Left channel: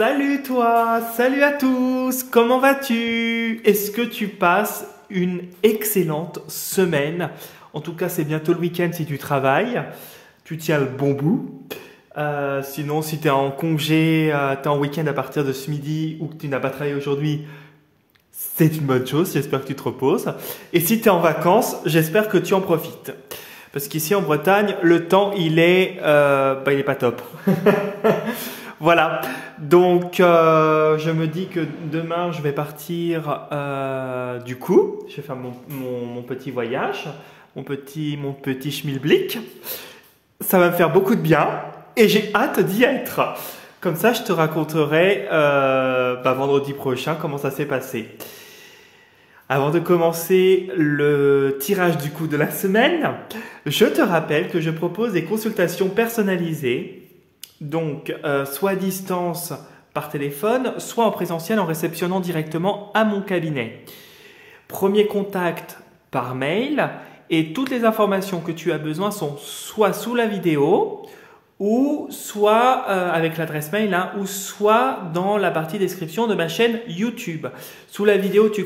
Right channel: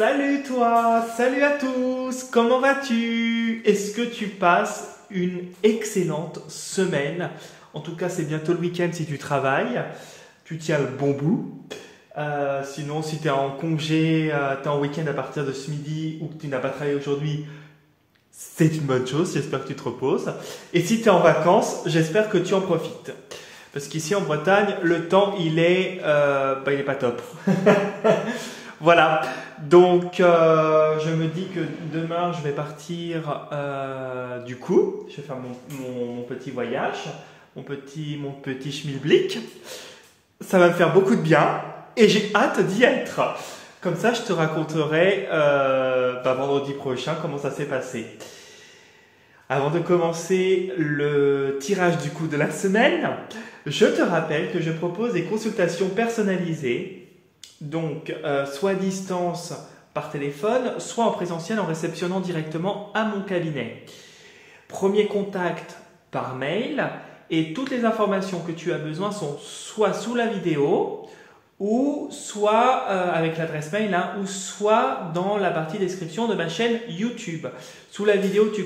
Salut toi, salut à tous, comment vas-tu? Est-ce que tu passes une excellente semaine? En tout cas, c'est bientôt le week-end si tu travailles, tu tiens le bon bout. Sinon, si tu es en congé, tu es en week-end à partir de ce midi ou que tu n'as pas travaillé aujourd'hui, c'est une bonne chose, j'espère que tu te reposes. Et si tu es en vacances, j'espère que tu en profites. Parce qu'ici en Bretagne, le temps, il est pas top. Voilà, donc je me dis que demain je vais partir du coup, je vais faire mon petit voyage, mon petit schmilblick. Ça va me faire beaucoup de bien et j'ai hâte d'y être. Comme ça, je te raconterai vendredi prochain comment ça s'est passé. Avant de commencer le tirage du coup de la semaine, je te rappelle que je propose des consultations personnalisées. Donc, soit à distance par téléphone, soit en présentiel en réceptionnant directement à mon cabinet. Premier contact par mail et toutes les informations que tu as besoin sont soit sous la vidéo ou soit avec l'adresse mail ou soit dans la partie description de ma chaîne YouTube. Sous la vidéo, tu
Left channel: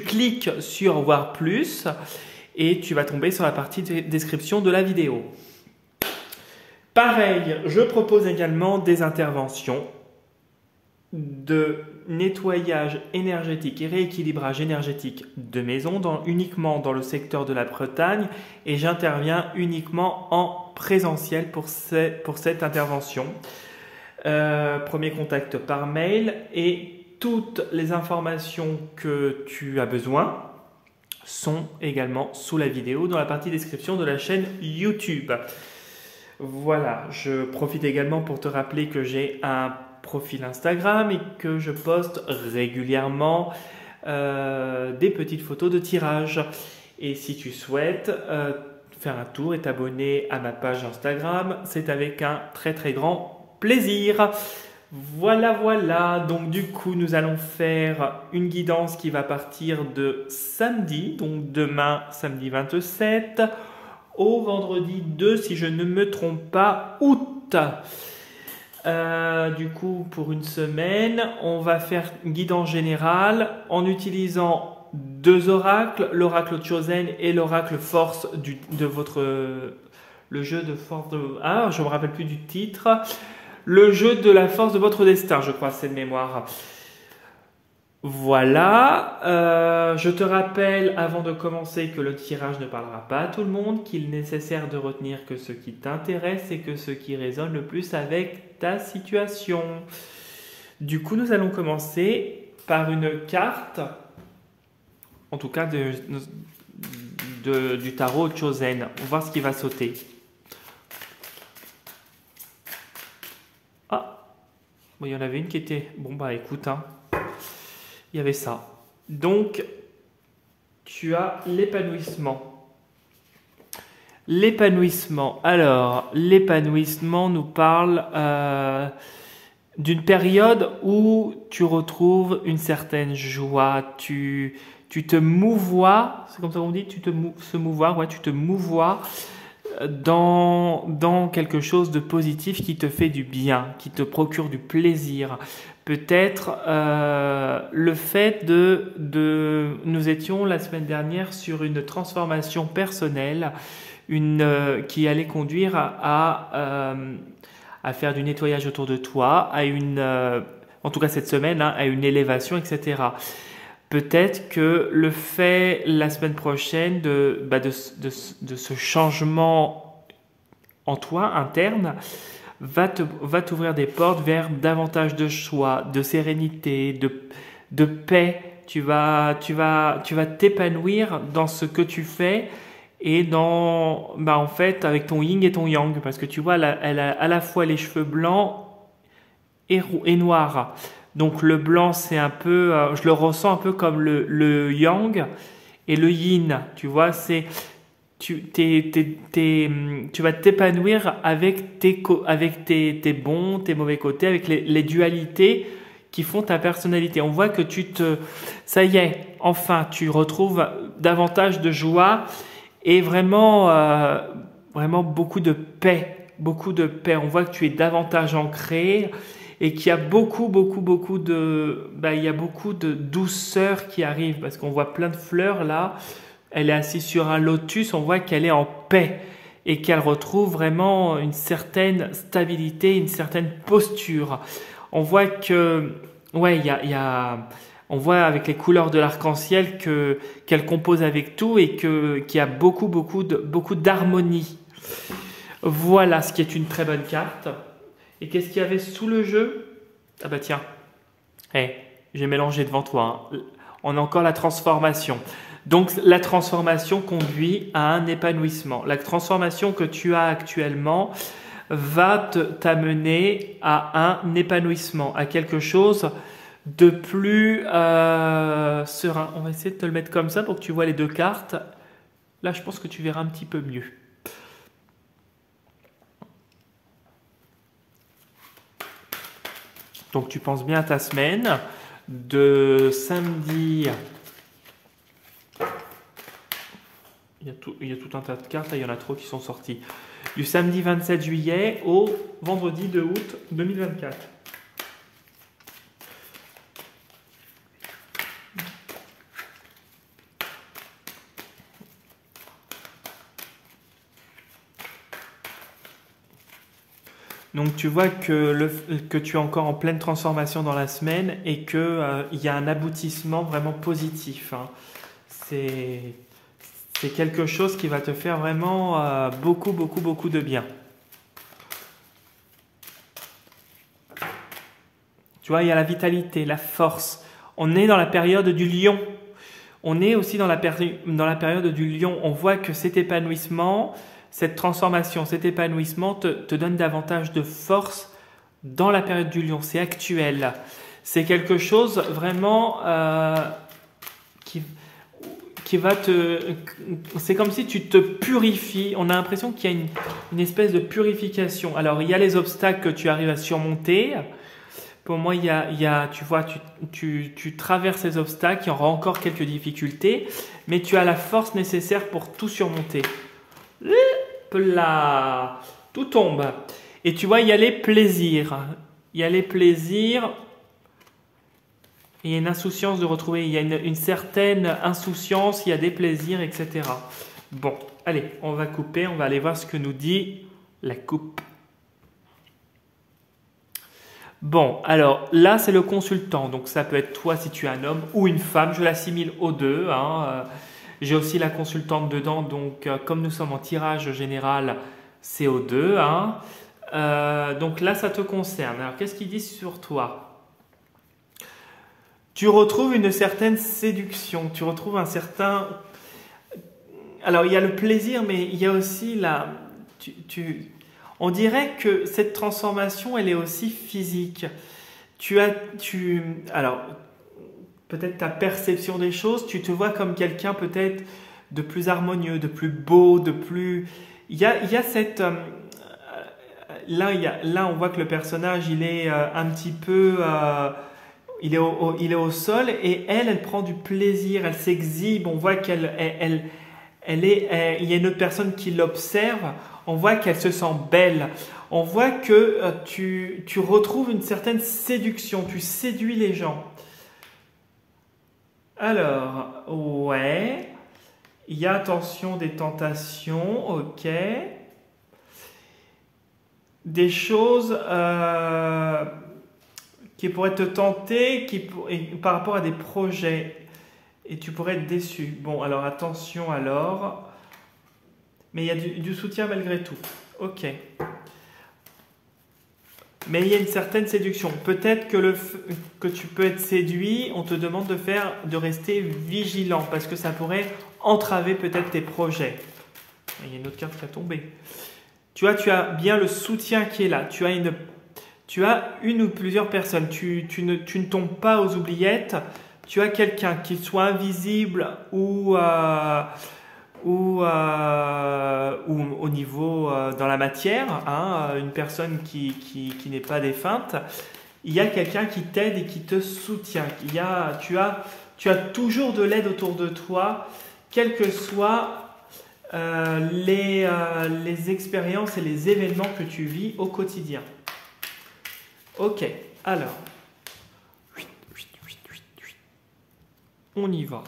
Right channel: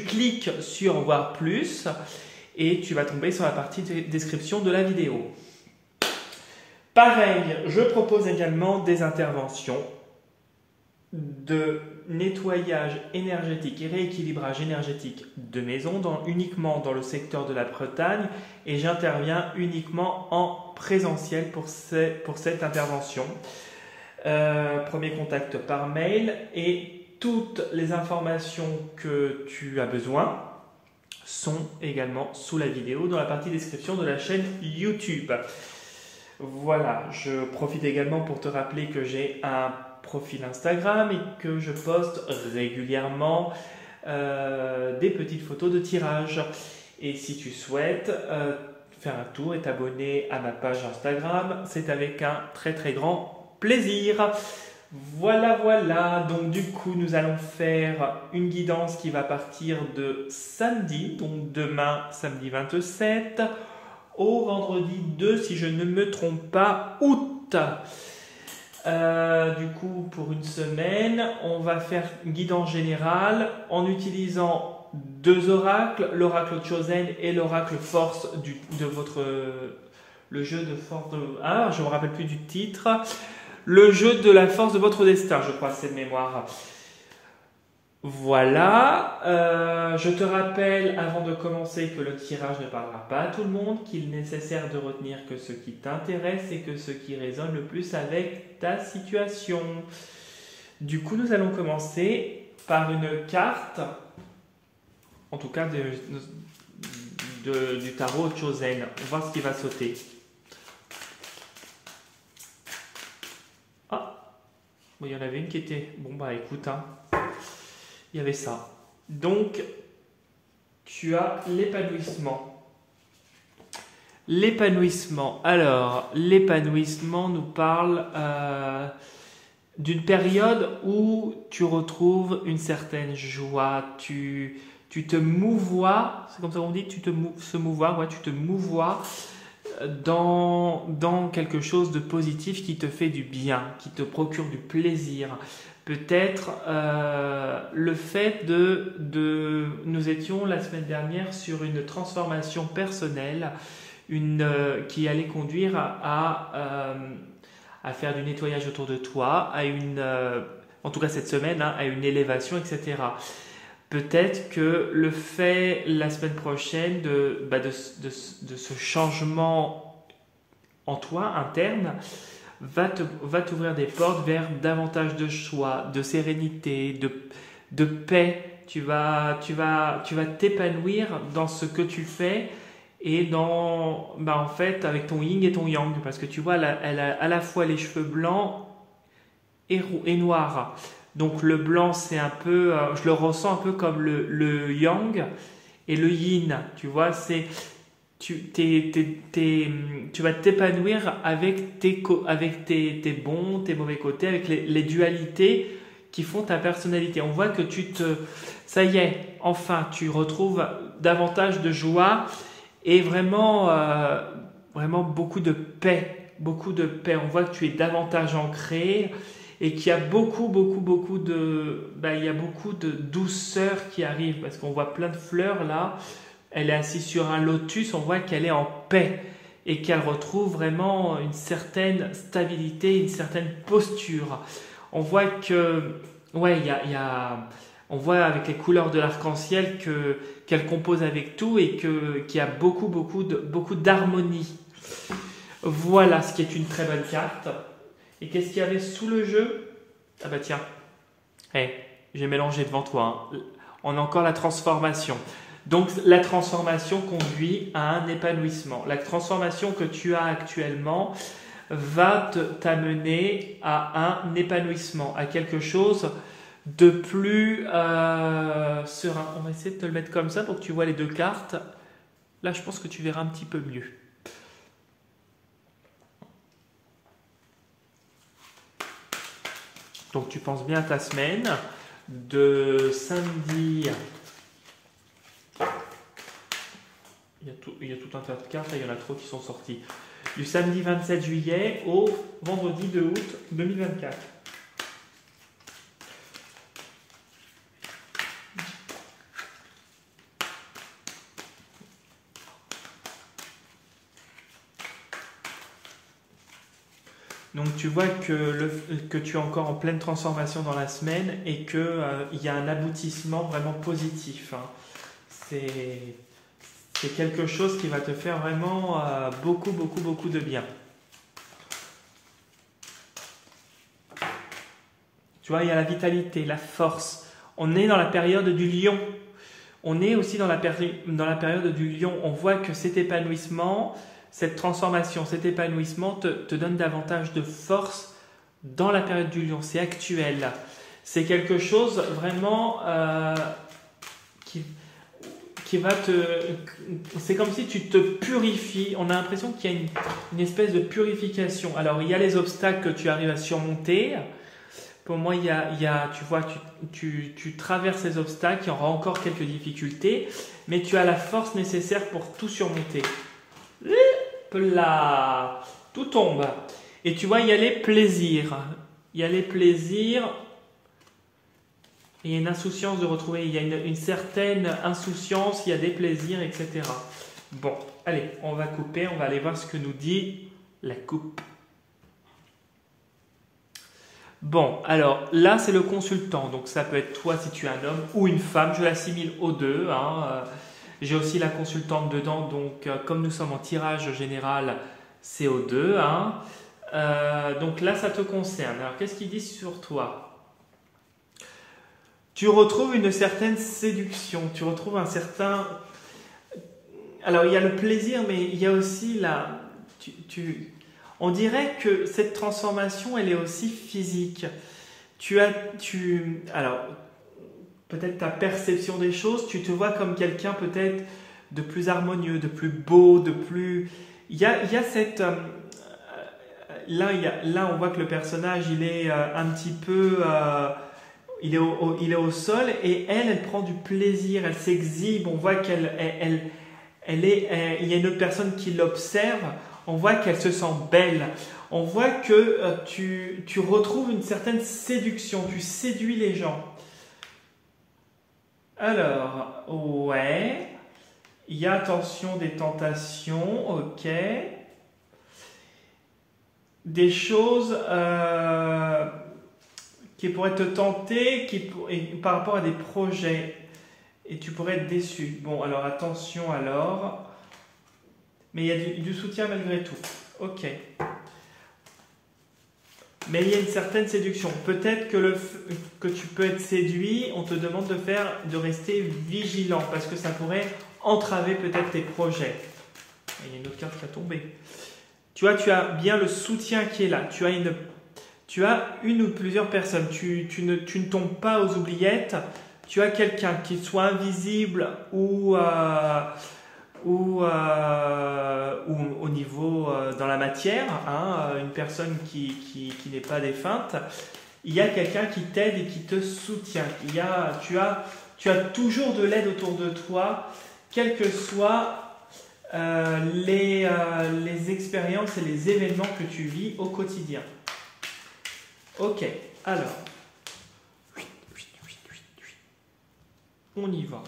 cliques sur voir plus et tu vas tomber sur la partie description de la vidéo. Pareil, je propose également des interventions de nettoyage énergétique et rééquilibrage énergétique de maison uniquement dans le secteur de la Bretagne et j'interviens uniquement en présentiel pour cette intervention. Premier contact par mail et toutes les informations que tu as besoin sont également sous la vidéo dans la partie description de la chaîne YouTube. Voilà, je profite également pour te rappeler que j'ai un profil Instagram et que je poste régulièrement des petites photos de tirage. Et si tu souhaites faire un tour et t'abonner à ma page Instagram, c'est avec un très très grand plaisir. Voilà, donc du coup nous allons faire une guidance qui va partir de samedi, donc demain samedi 27, au vendredi 2, si je ne me trompe pas, août. Du coup, pour une semaine, on va faire une guidance générale en utilisant deux oracles, l'oracle Chosen et l'oracle Force le jeu de force de... Ah, je ne me rappelle plus du titre. Le jeu de la force de votre destin, je crois, c'est de mémoire. Voilà, je te rappelle avant de commencer que le tirage ne parlera pas à tout le monde, qu'il est nécessaire de retenir que ce qui t'intéresse et que ce qui résonne le plus avec ta situation. Du coup, nous allons commencer par une carte, en tout cas du tarot Chosen. On va voir ce qui va sauter. Ah, bon, il y en avait une qui était... Bon, bah écoute, il y avait ça. Donc, tu as l'épanouissement. L'épanouissement. Alors, l'épanouissement nous parle d'une période où tu retrouves une certaine joie. Tu te mouvoies, c'est comme ça qu'on dit, tu te mouvoies dans quelque chose de positif qui te fait du bien, qui te procure du plaisir. Peut-être le fait nous étions la semaine dernière sur une transformation personnelle qui allait conduire à faire du nettoyage autour de toi, en tout cas cette semaine, à une élévation, etc. Peut-être que le fait la semaine prochaine de ce changement en toi interne va t'ouvrir des portes vers davantage de choix, de sérénité, de paix. Tu vas t'épanouir dans ce que tu fais et en fait avec ton yin et ton yang, parce que tu vois elle a à la fois les cheveux blancs et noirs. Donc le blanc c'est un peu, je le ressens un peu comme le yang et le yin. Tu vois, c'est tu vas t'épanouir avec tes bons, tes mauvais côtés, avec les dualités qui font ta personnalité. On voit que ça y est, enfin, tu retrouves davantage de joie et vraiment beaucoup de paix. On voit que tu es davantage ancré et qu'il y a beaucoup de, il y a beaucoup de douceur qui arrive parce qu'on voit plein de fleurs là. Elle est assise sur un lotus, on voit qu'elle est en paix et qu'elle retrouve vraiment une certaine stabilité, une certaine posture. On voit que, ouais, on voit avec les couleurs de l'arc-en-ciel qu'elle compose avec tout et qu'il y a beaucoup d'harmonie. Voilà ce qui est une très bonne carte. Et qu'est-ce qu'il y avait sous le jeu? Ah bah tiens, j'ai mélangé devant toi, hein. On a encore la transformation. Donc la transformation conduit à un épanouissement. La transformation que tu as actuellement va t'amener à un épanouissement, à quelque chose de plus serein. On va essayer de te le mettre comme ça pour que tu vois les deux cartes. Là, je pense que tu verras un petit peu mieux. Donc tu penses bien à ta semaine de samedi. Il y a tout un tas de cartes, là, il y en a trop qui sont sorties. Du samedi 27 juillet au vendredi 2 août 2024. Donc tu vois que tu es encore en pleine transformation dans la semaine et qu'il y a un aboutissement vraiment positif, hein. C'est quelque chose qui va te faire vraiment beaucoup de bien. Tu vois, il y a la vitalité, la force. On est dans la période du lion. On est aussi dans la période du lion. On voit que cet épanouissement, cette transformation, cet épanouissement te donne davantage de force dans la période du lion. C'est actuel. C'est quelque chose vraiment qui va c'est comme si tu te purifies. On a l'impression qu'il y a une espèce de purification. Alors, il y a les obstacles que tu arrives à surmonter. Pour moi, tu vois, tu traverses ces obstacles, il y aura encore quelques difficultés, mais tu as la force nécessaire pour tout surmonter. Là, tout tombe. Et tu vois, il y a les plaisirs. Il y a les plaisirs. Il y a une insouciance de retrouver, il y a une certaine insouciance, il y a des plaisirs, etc. Bon, allez, on va couper, on va aller voir ce que nous dit la coupe. Bon, alors là, c'est le consultant, donc ça peut être toi si tu es un homme ou une femme, je l'assimile aux deux, hein. J'ai aussi la consultante dedans, donc comme nous sommes en tirage général, c'est aux deux, hein. Donc là, ça te concerne. Alors, qu'est-ce qu'il dit sur toi ? Tu retrouves une certaine séduction, tu retrouves un certain... Alors, il y a le plaisir, mais il y a aussi la... On dirait que cette transformation, elle est aussi physique. Alors, peut-être ta perception des choses, tu te vois comme quelqu'un peut-être de plus harmonieux, de plus beau, de plus... Il y a cette... Là, on voit que le personnage, il est un petit peu... il est au sol et elle prend du plaisir, elle s'exhibe, on voit il y a une autre personne qui l'observe, on voit qu'elle se sent belle, on voit que tu retrouves une certaine séduction, tu séduis les gens. Alors, ouais, il y a attention des tentations, ok, des choses... qui pourrait te tenter par rapport à des projets et tu pourrais être déçu. Bon, alors attention alors. Mais il y a du soutien malgré tout. Ok. Mais il y a une certaine séduction. Peut-être que tu peux être séduit, on te demande de rester vigilant parce que ça pourrait entraver peut-être tes projets. Il y a une autre carte qui a tombé. Tu vois, tu as bien le soutien qui est là. Tu as une ou plusieurs personnes, tu ne tombes pas aux oubliettes, tu as quelqu'un qui soit invisible ou au niveau dans la matière, hein, une personne qui n'est pas défunte, il y a quelqu'un qui t'aide et qui te soutient. Tu as toujours de l'aide autour de toi, quelles que soient les expériences et les événements que tu vis au quotidien. Ok, Alors, on y va.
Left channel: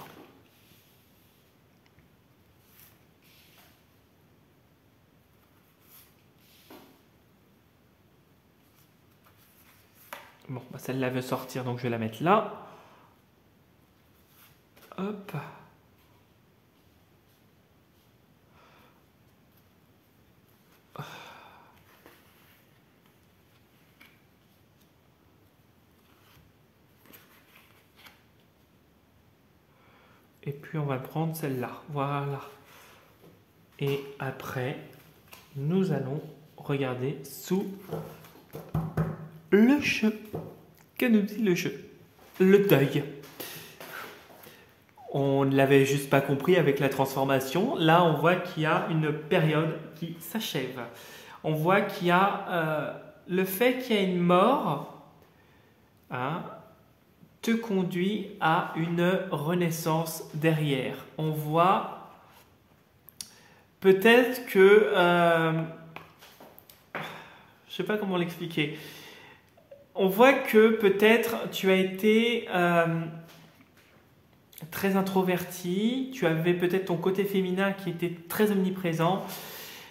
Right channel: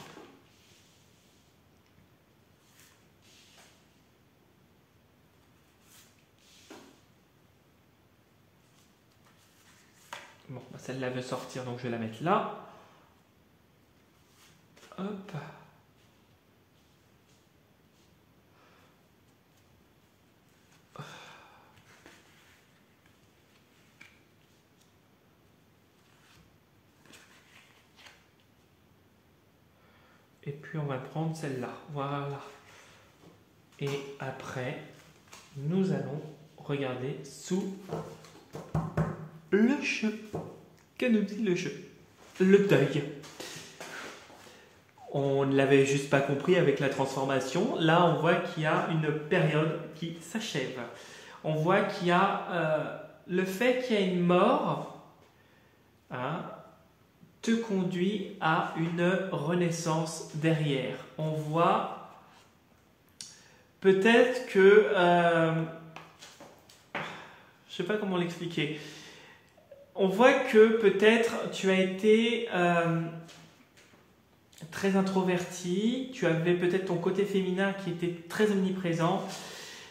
Bon, bah celle-là veut sortir, donc je vais la mettre là. Hop. Et puis on va prendre celle-là. Voilà. Et après, nous allons regarder sous le jeu. Que nous dit le jeu? Le deuil. On ne l'avait juste pas compris avec la transformation. Là, on voit qu'il y a une période qui s'achève. On voit qu'il y a le fait qu'il y a une mort, hein, te conduit à une renaissance derrière. On voit peut-être que... je ne sais pas comment l'expliquer. On voit que peut-être tu as été très introverti, tu avais peut-être ton côté féminin qui était très omniprésent.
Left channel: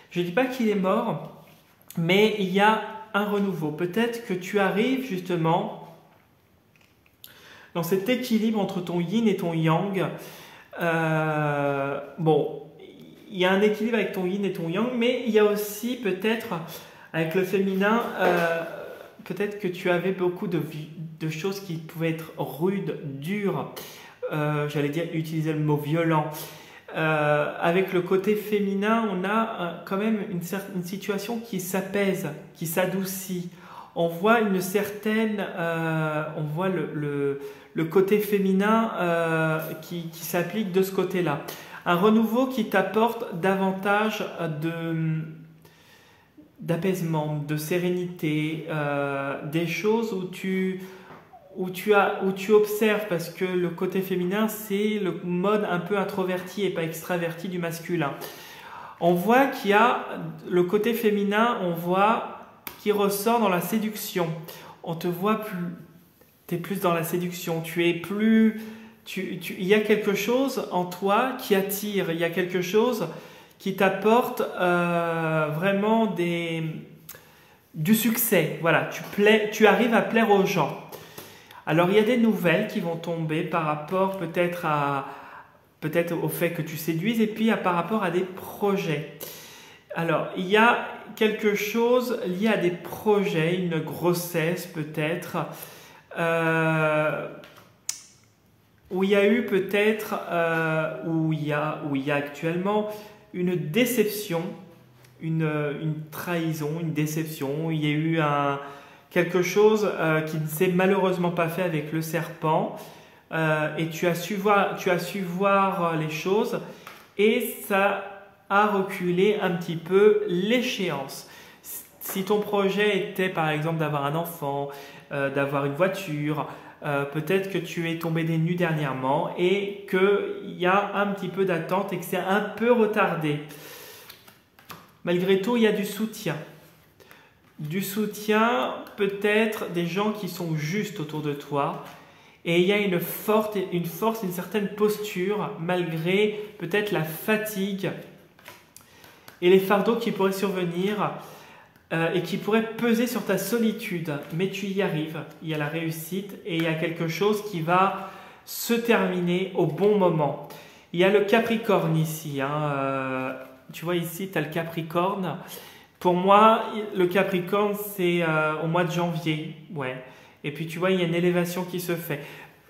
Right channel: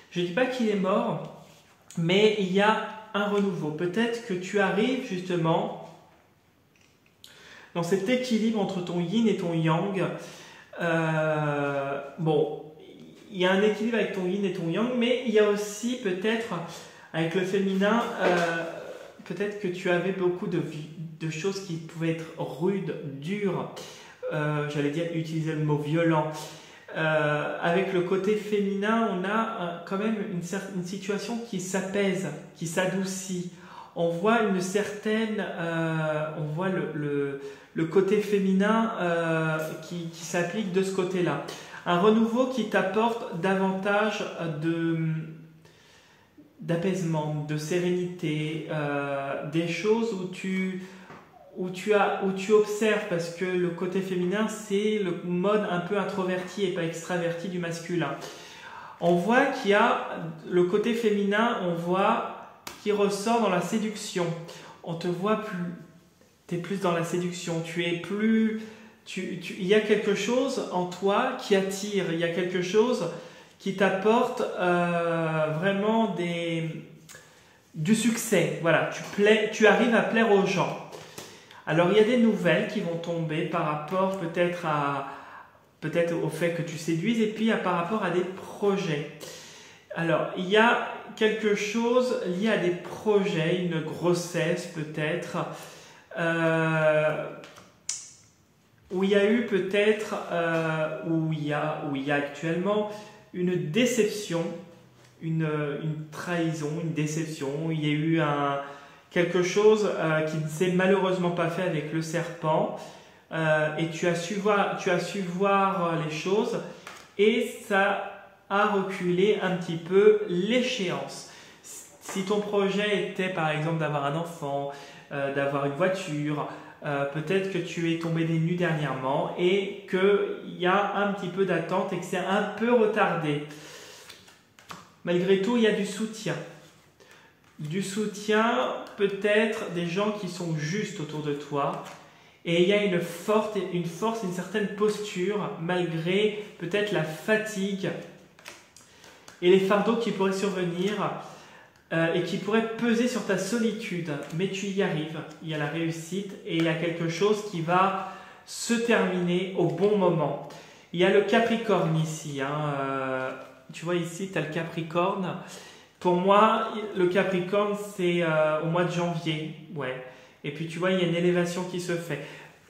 Je ne dis pas qu'il est mort, mais il y a un renouveau. Peut-être que tu arrives justement dans cet équilibre entre ton yin et ton yang. Bon, il y a un équilibre avec ton yin et ton yang, mais il y a aussi peut-être avec le féminin, peut-être que tu avais beaucoup de choses qui pouvaient être rudes, dures. J'allais dire utiliser le mot violent. Avec le côté féminin, on a quand même une situation qui s'apaise, qui s'adoucit. On voit une certaine, on voit le côté féminin qui s'applique de ce côté-là. Un renouveau qui t'apporte davantage d'apaisement, de sérénité, des choses où tu observes, parce que le côté féminin, c'est le mode un peu introverti et pas extraverti du masculin. On voit qu'il y a le côté féminin, on voit qui ressort dans la séduction. On te voit plus, tu es plus dans la séduction, tu es plus, il y a quelque chose en toi qui attire, il y a quelque chose qui t'apporte vraiment du succès. Voilà, tu arrives à plaire aux gens. Alors il y a des nouvelles qui vont tomber par rapport peut-être au fait que tu séduises, et puis par rapport à des projets. Alors il y a quelque chose lié à des projets, une grossesse peut-être, où il y a eu peut-être, où il y a actuellement une déception, une trahison, une déception. Il y a eu quelque chose qui ne s'est malheureusement pas fait avec le serpent, et tu as su voir les choses, et ça a reculé un petit peu l'échéance. Si ton projet était par exemple d'avoir un enfant, d'avoir une voiture, peut-être que tu es tombé des nues dernièrement et qu'il y a un petit peu d'attente et que c'est un peu retardé. Malgré tout, il y a du soutien. Du soutien, peut-être des gens qui sont justes autour de toi. Et il y a une force, une certaine posture, malgré peut-être la fatigue et les fardeaux qui pourraient survenir et qui pourraient peser sur ta solitude. Mais tu y arrives, il y a la réussite et il y a quelque chose qui va se terminer au bon moment. Il y a le Capricorne ici. Tu vois ici, tu as le Capricorne. Pour moi, le Capricorne, c'est au mois de janvier. Ouais. Et puis tu vois, il y a une élévation qui se fait.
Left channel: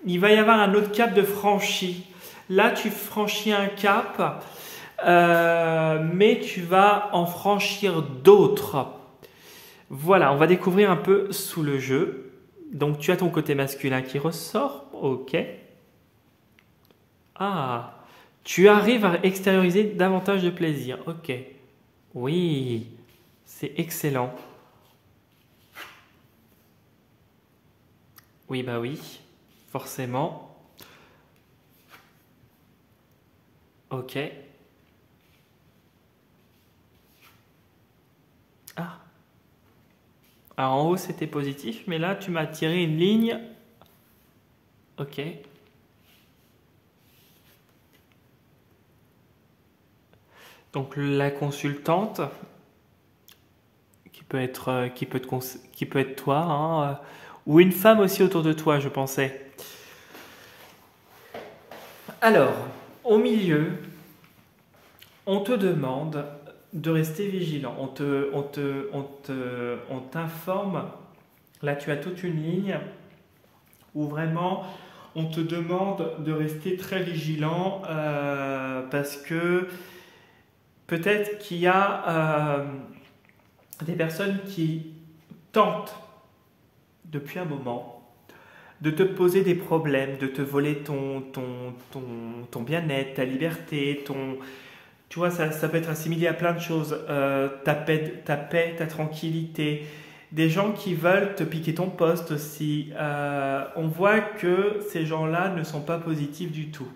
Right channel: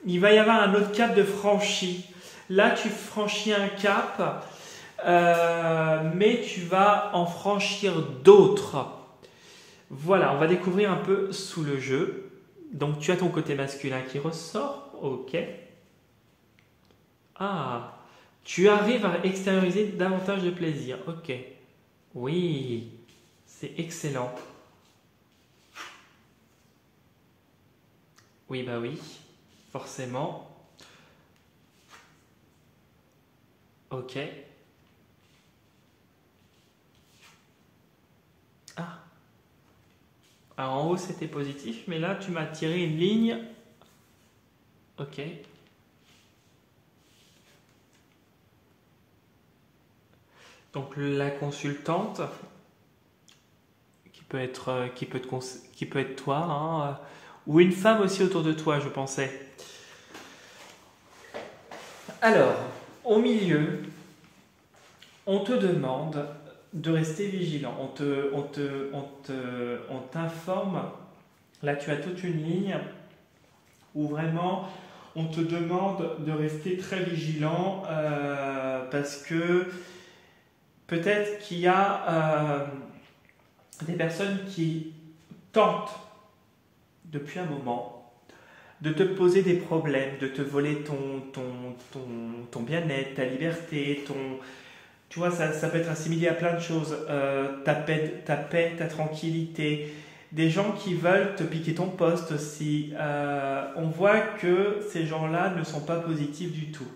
Il va y avoir un autre cap de franchi. Là, tu franchis un cap, mais tu vas en franchir d'autres. Voilà, on va découvrir un peu sous le jeu. Donc tu as ton côté masculin qui ressort. Ok. Ah, tu arrives à extérioriser davantage de plaisir. Ok. Oui, c'est excellent. Oui, bah oui, forcément. Ok. Ah, Alors en haut c'était positif, mais là tu m'as tiré une ligne. Ok. Donc la consultante, qui peut être toi, hein, ou une femme aussi autour de toi, je pensais. Alors, au milieu, on te demande de rester vigilant. On t'informe. Là, tu as toute une ligne où vraiment on te demande de rester très vigilant parce que peut-être qu'il y a des personnes qui tentent depuis un moment de te poser des problèmes, de te voler ton bien-être, ta liberté, tu vois, ça peut être assimilé à plein de choses. Ta paix, ta tranquillité. Des gens qui veulent te piquer ton poste aussi. On voit que ces gens-là ne sont pas positifs du tout.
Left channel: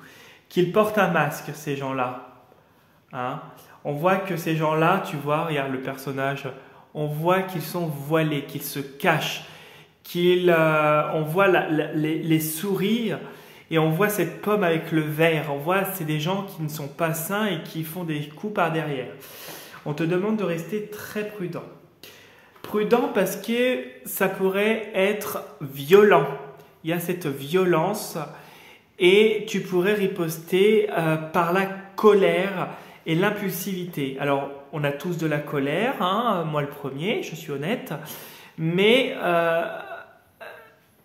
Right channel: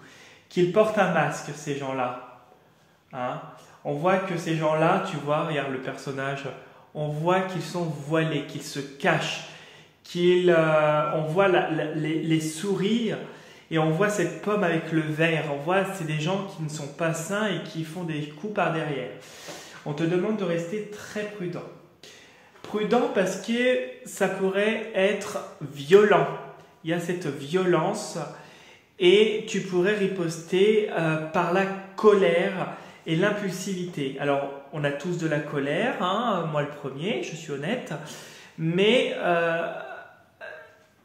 Qu'ils portent un masque, ces gens-là. Hein? On voit que ces gens-là, tu vois, regarde le personnage, on voit qu'ils sont voilés, qu'ils se cachent, on voit les sourires et on voit cette pomme avec le verre. On voit c'est des gens qui ne sont pas sains et qui font des coups par derrière. On te demande de rester très prudent. Prudent parce que ça pourrait être violent. Il y a cette violence et tu pourrais riposter par la colère et l'impulsivité. Alors, on a tous de la colère, hein, moi le premier, je suis honnête, mais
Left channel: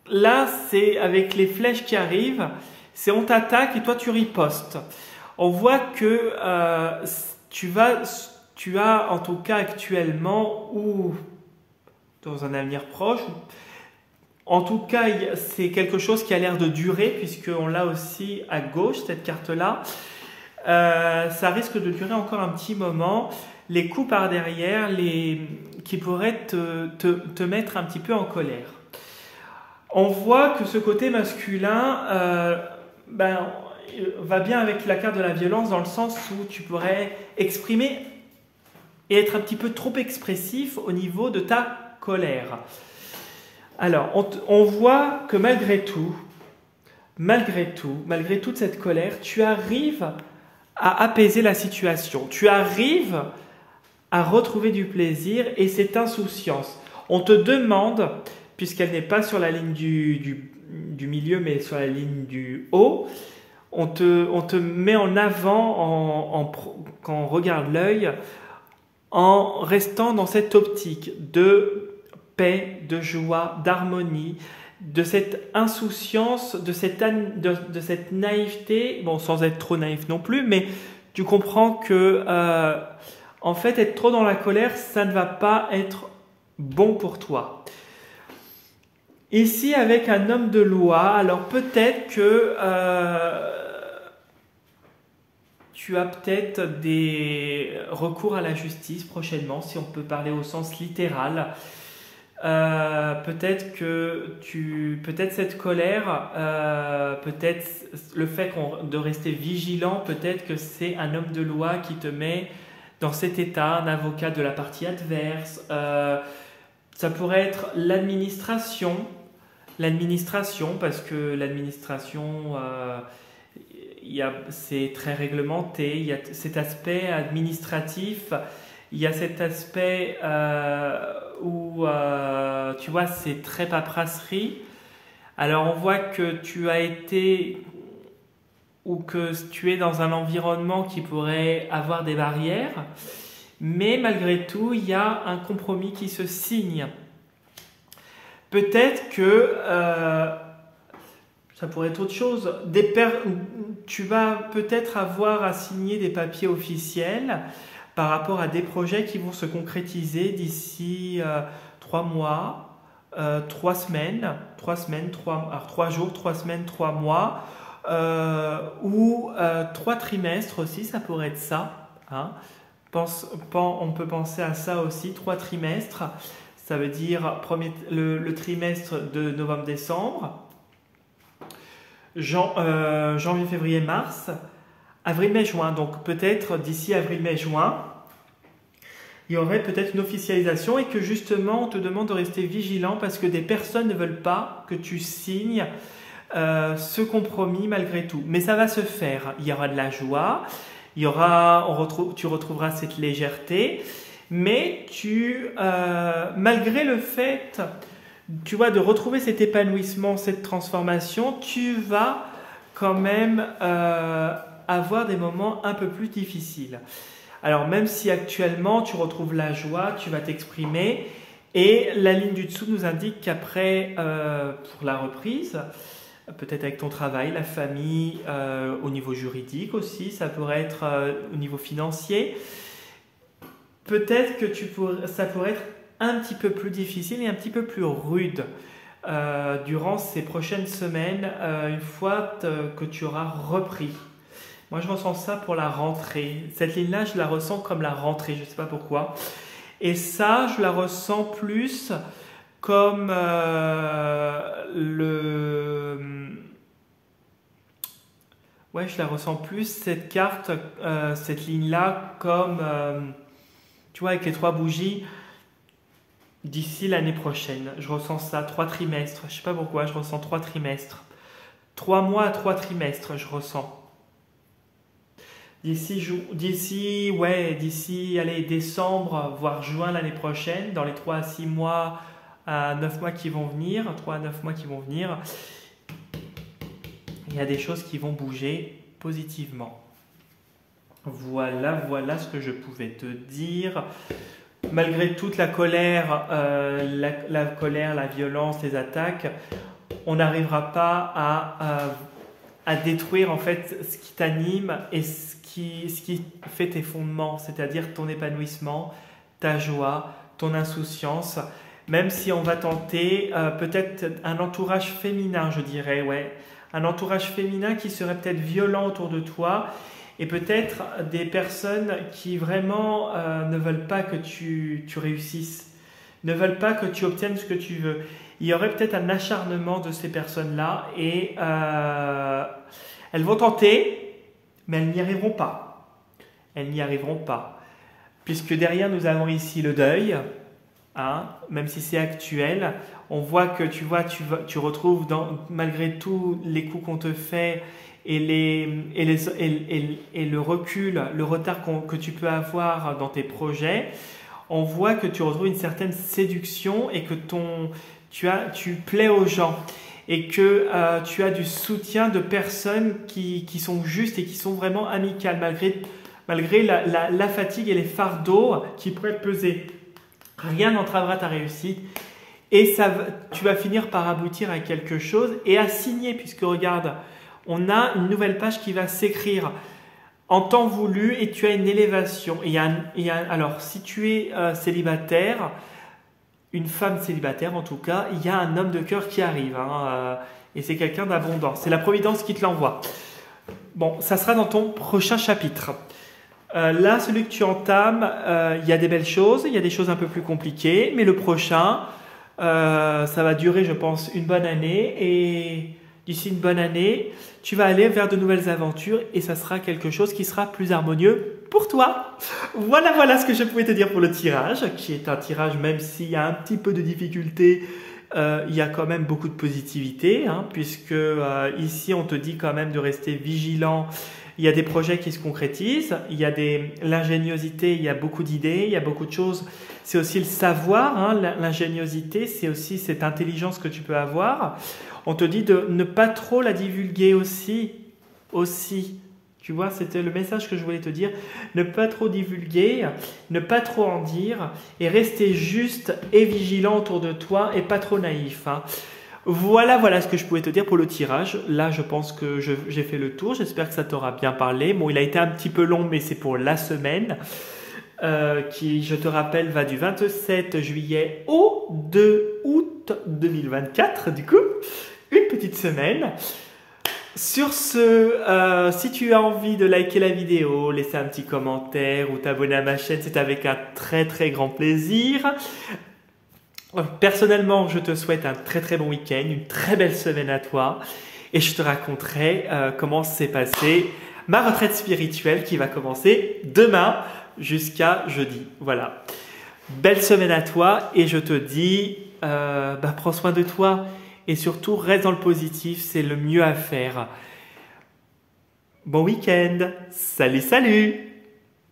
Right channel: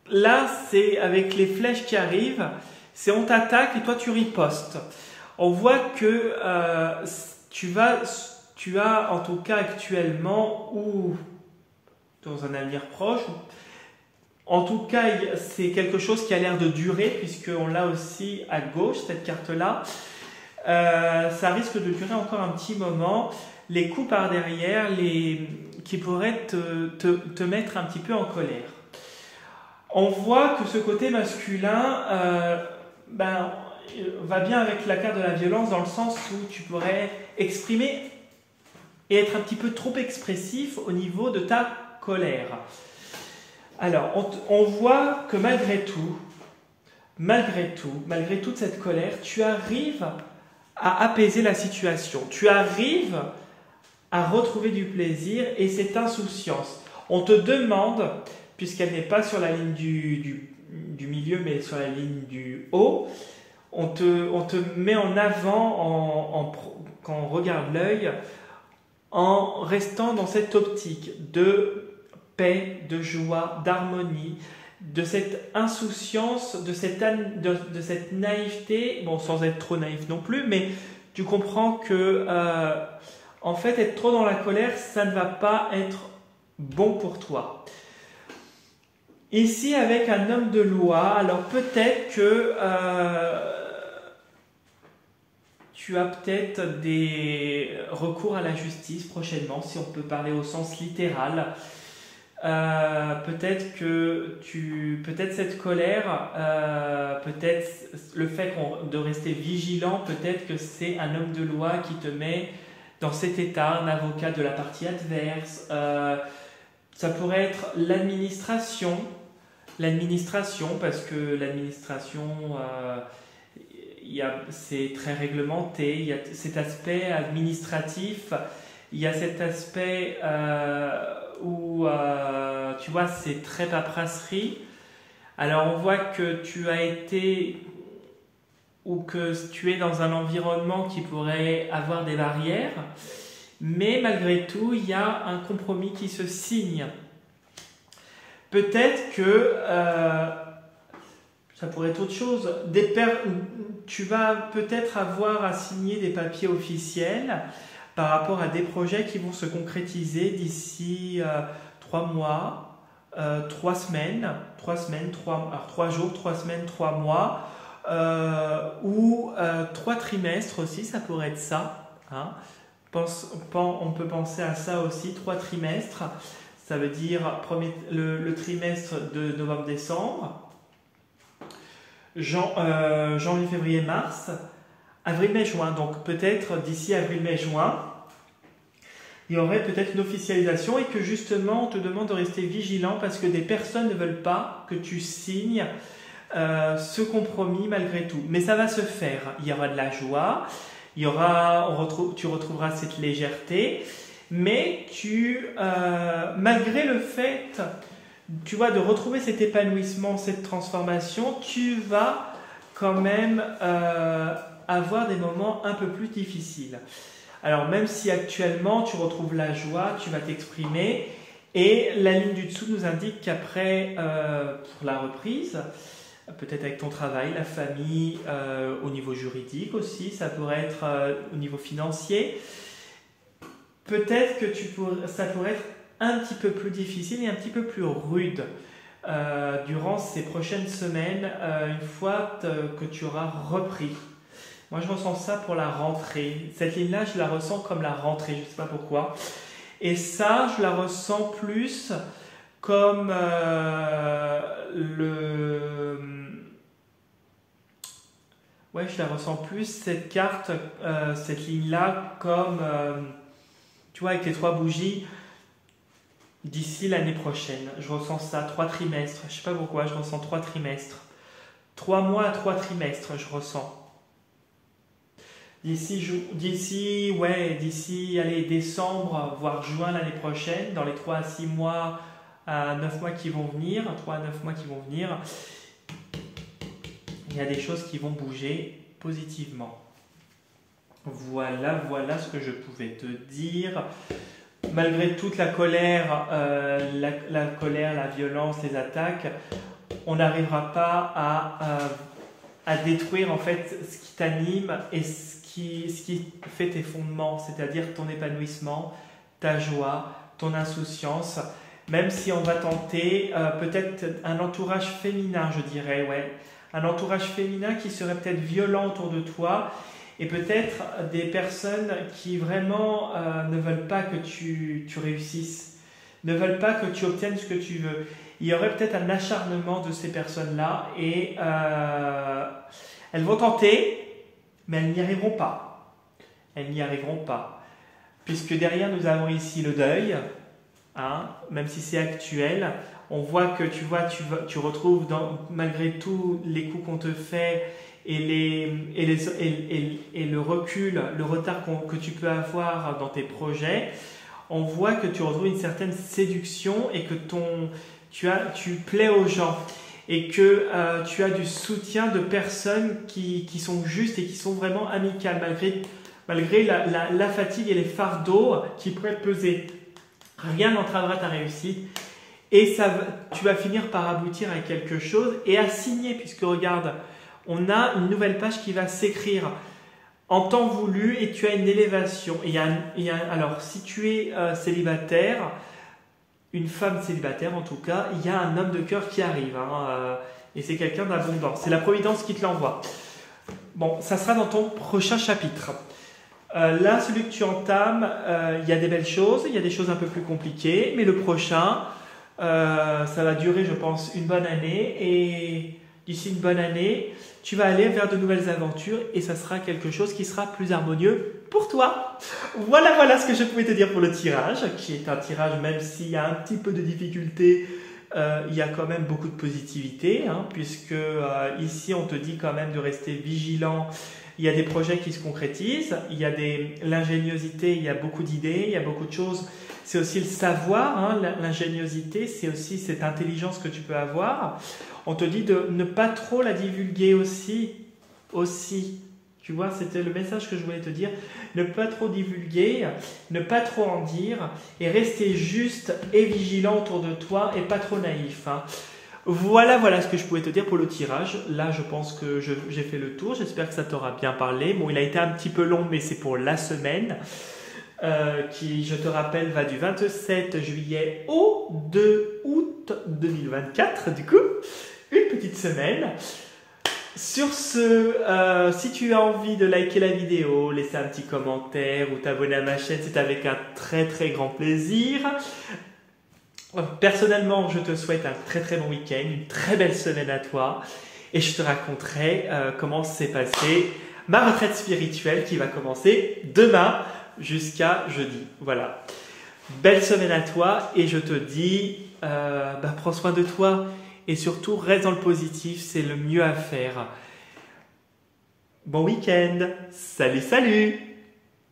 là, c'est avec les flèches qui arrivent, c'est on t'attaque et toi tu ripostes. On voit que tu as en tout cas actuellement ou dans un avenir proche, en tout cas c'est quelque chose qui a l'air de durer puisqu'on l'a aussi à gauche, cette carte-là. Ça risque de durer encore un petit moment. Les coups par derrière qui pourraient te mettre un petit peu en colère. On voit que ce côté masculin va bien avec la carte de la violence dans le sens où tu pourrais exprimer et être un petit peu trop expressif au niveau de ta colère. Alors, on voit que malgré toute cette colère, tu arrives à apaiser la situation. Tu arrives à retrouver du plaisir et cette insouciance. On te demande, puisqu'elle n'est pas sur la ligne du milieu, mais sur la ligne du haut, on te met en avant quand on regarde l'œil, en restant dans cette optique de paix, de joie, d'harmonie, de cette insouciance, de cette naïveté, bon, sans être trop naïf non plus, mais tu comprends que en fait, être trop dans la colère, ça ne va pas être bon pour toi. Ici, avec un homme de loi, alors peut-être que tu as peut-être des recours à la justice prochainement, si on peut parler au sens littéral. Peut-être cette colère, peut-être le fait de rester vigilant, peut-être que c'est un homme de loi qui te met dans cet état, un avocat de la partie adverse. Ça pourrait être l'administration, parce que l'administration, c'est très réglementé, il y a cet aspect administratif, il y a cet aspect où tu vois c'est très paperasserie. Alors on voit que tu as été ou que tu es dans un environnement qui pourrait avoir des barrières, mais malgré tout il y a un compromis qui se signe. Peut-être que ça pourrait être autre chose. Tu vas peut-être avoir à signer des papiers officiels par rapport à des projets qui vont se concrétiser d'ici 3 mois, 3 semaines, 3 jours, 3 semaines, 3 mois, ou 3 trimestres aussi, ça pourrait être ça. Hein. On peut penser à ça aussi, 3 trimestres, ça veut dire le trimestre de novembre-décembre, janvier, février, mars, avril, mai, juin. Donc peut-être d'ici avril, mai, juin, il y aurait peut-être une officialisation et que justement on te demande de rester vigilant parce que des personnes ne veulent pas que tu signes ce compromis malgré tout. Mais ça va se faire. Il y aura de la joie, il y aura, tu retrouveras cette légèreté, mais malgré le fait, tu vois, de retrouver cet épanouissement, cette transformation, tu vas quand même avoir des moments un peu plus difficiles. Alors même si actuellement tu retrouves la joie, tu vas t'exprimer et la ligne du dessous nous indique qu'après, pour la reprise, peut-être avec ton travail, la famille, au niveau juridique aussi, ça pourrait être au niveau financier, peut-être que ça pourrait être un petit peu plus difficile et un petit peu plus rude durant ces prochaines semaines, une fois que tu auras repris. Moi, je ressens ça pour la rentrée. Cette ligne-là, je la ressens comme la rentrée, je ne sais pas pourquoi. Et ça, je la ressens plus comme Ouais, je la ressens plus, cette carte, cette ligne-là, comme, tu vois, avec les 3 bougies, d'ici l'année prochaine. Je ressens ça, 3 trimestres. Je ne sais pas pourquoi, je ressens 3 trimestres. 3 mois à 3 trimestres, je ressens. D'ici, allez, décembre, voire juin l'année prochaine, dans les 3 à 6 mois, à 9 mois qui vont venir, 3 à 9 mois qui vont venir, il y a des choses qui vont bouger positivement. Voilà ce que je pouvais te dire. Malgré toute la colère, la violence, les attaques, on n'arrivera pas à détruire en fait ce qui t'anime et ce qui fait tes fondements, c'est-à-dire ton épanouissement, ta joie, ton insouciance. Même si on va tenter peut-être un entourage féminin, je dirais, ouais. Un entourage féminin qui serait peut-être violent autour de toi et peut-être des personnes qui vraiment ne veulent pas que tu réussisses, ne veulent pas que tu obtiennes ce que tu veux. Il y aurait peut-être un acharnement de ces personnes-là et elles vont tenter, mais elles n'y arriveront pas. Elles n'y arriveront pas. Puisque derrière, nous avons ici le deuil, hein, même si c'est actuel. On voit que tu retrouves malgré tout les coups qu'on te fait et le recul, le retard que tu peux avoir dans tes projets. On voit que tu retrouves une certaine séduction et que tu plais aux gens et que tu as du soutien de personnes qui sont justes et qui sont vraiment amicales malgré la fatigue et les fardeaux qui pourraient te peser. Rien n'entravera ta réussite et tu vas finir par aboutir à quelque chose et à signer, puisque regarde, on a une nouvelle page qui va s'écrire en temps voulu et tu as une élévation. Alors, si tu es célibataire, une femme célibataire en tout cas, il y a un homme de cœur qui arrive et c'est quelqu'un d'abondant. C'est la Providence qui te l'envoie. Bon, ça sera dans ton prochain chapitre. Là, celui que tu entames, il y a des belles choses, il y a des choses un peu plus compliquées, mais le prochain, ça va durer, je pense, une bonne année et d'ici une bonne année, tu vas aller vers de nouvelles aventures et ça sera quelque chose qui sera plus harmonieux pour toi. Voilà ce que je pouvais te dire pour le tirage, qui est un tirage, même s'il y a un petit peu de difficulté, il y a quand même beaucoup de positivité, hein, puisque ici, on te dit quand même de rester vigilant. Il y a des projets qui se concrétisent, il y a l'ingéniosité, il y a beaucoup d'idées, il y a beaucoup de choses. C'est aussi le savoir, hein, l'ingéniosité, c'est aussi cette intelligence que tu peux avoir. On te dit de ne pas trop la divulguer aussi. Tu vois, c'était le message que je voulais te dire. Ne pas trop divulguer, ne pas trop en dire et rester juste et vigilant autour de toi et pas trop naïf, hein. Voilà ce que je pouvais te dire pour le tirage. Là, je pense que j'ai fait le tour. J'espère que ça t'aura bien parlé. Bon, il a été un petit peu long, mais c'est pour la semaine qui, je te rappelle, va du 27 juillet au 2 août 2024. Du coup, une petite semaine. Sur ce, si tu as envie de liker la vidéo, laisser un petit commentaire ou t'abonner à ma chaîne, c'est avec un très très grand plaisir. Personnellement, je te souhaite un très très bon week-end, une très belle semaine à toi et je te raconterai comment s'est passée ma retraite spirituelle qui va commencer demain jusqu'à jeudi. Voilà. Belle semaine à toi et je te dis, prends soin de toi et surtout reste dans le positif, c'est le mieux à faire. Bon week-end. Salut, salut!